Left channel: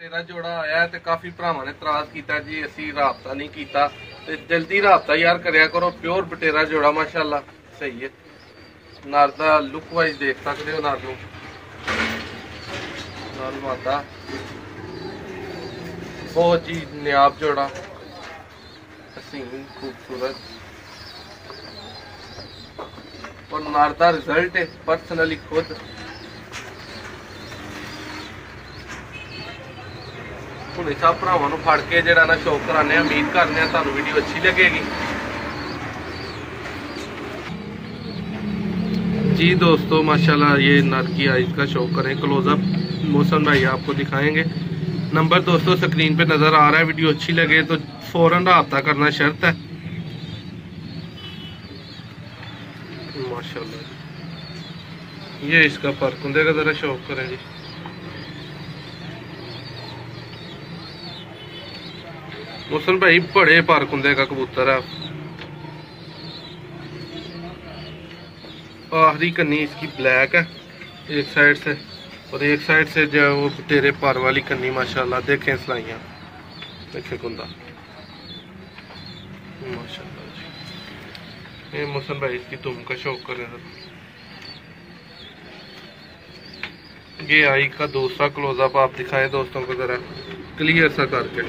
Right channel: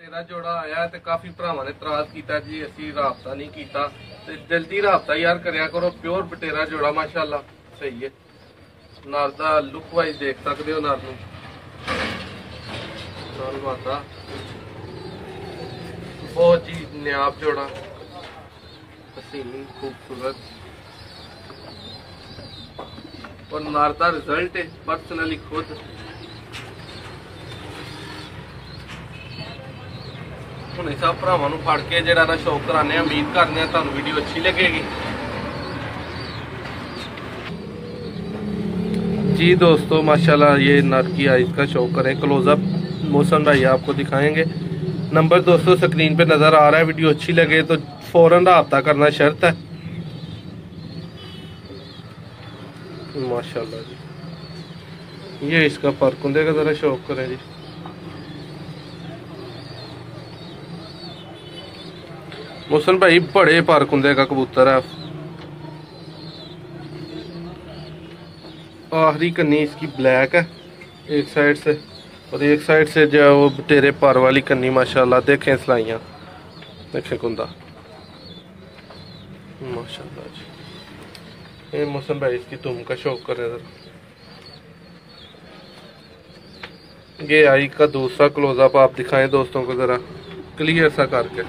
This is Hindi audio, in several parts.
तेरा जोड़ा आया तो काफी भरावां ने इतराज किया जी असी राबता नहीं किया, ते जल्दी राबता यार करया करो। प्योर बटेरा जोड़ा माशाल्लाह सही है। नर दा लुक वाइज देख सकते हो, नर नूं नर मादा बहुत ही नायाब जोड़ा, हसीन खूबसूरत और नर दा रिजल्ट है पर्सनली खुद ਹੁਣ ਸਭ ਭਰਾਵਾਂ ਨੂੰ ਫੜ ਕੇ ਜਿਹੜਾ ਨਾ ਸ਼ੌਕ ਕਰਾਣੇ। ਉਮੀਦ ਕਰਦੇ ਆ ਤੁਹਾਨੂੰ ਵੀਡੀਓ ਅੱਛੀ ਲੱਗੇਗੀ जी दोस्तों। माशाल्लाह ये नर की आइज का शौक करें। क्लोजअप मौसम भाई आपको दिखाएंगे। नंबर दोस्तों स्क्रीन पे नज़र आ रहा है। वीडियो अच्छी लगे तो फ़ौरन राब्ता करना शर्त है। माशाल्लाह ये इसका फर्क होंगे का ज़रा शौक करें जी। मोहसन भाई बड़े पारकुंदे का कबूतर है। आखिरी कन्नी इसकी ब्लैक है एक साइड से, और एक साइड से जो वो तेरे पर वाली कन्नी माशाल्लाह देखें सलाइयाँ देखें कुंदा माशाल्लाह जी। ये मोहसन भाई इसकी तुम का शौक करे। ये आई का दूसरा क्लोजअप आप दिखाएं दोस्तों को ज़रा क्लियर सा करके।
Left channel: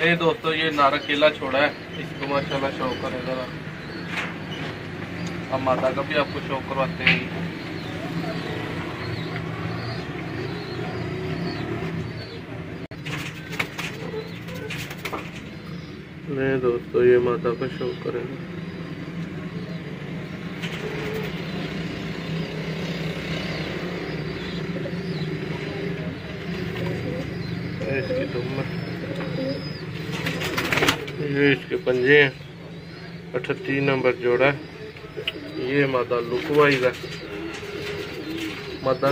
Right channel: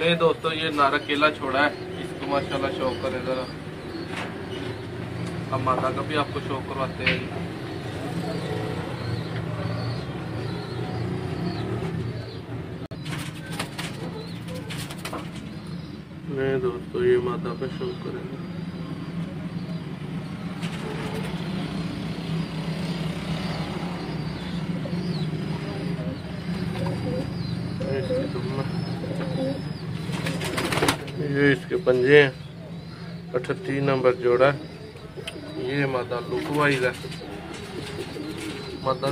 ये दोस्तों ये नारा केला छोड़ा है, इसको माशाल्लाह शौक करें ज़रा। हम माता का भी आपको शौक करवाते हैं। नहीं दोस्तों ये माता का शौक करेंगे। इसकी तुम ये इसके पंजे हैं। 38 नंबर जोड़ा है। ये मादा लुक वाइज है। मादा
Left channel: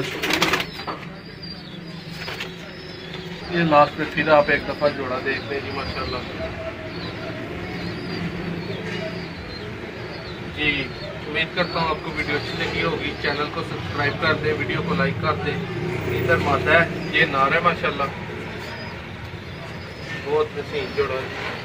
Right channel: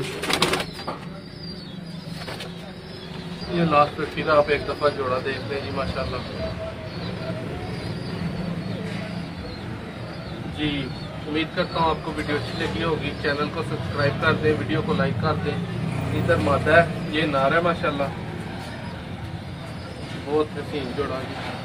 ये लास्ट पे फिर आप एक दफा जोड़ा देख लें जी माशाल्लाह जी। उम्मीद करता हूँ आपको वीडियो अच्छी लगी होगी। चैनल को सब्सक्राइब कर दें, वीडियो को लाइक कर दें। इधर मादा है, ये नार है माशाल्लाह बहुत हसीन जोड़ा है।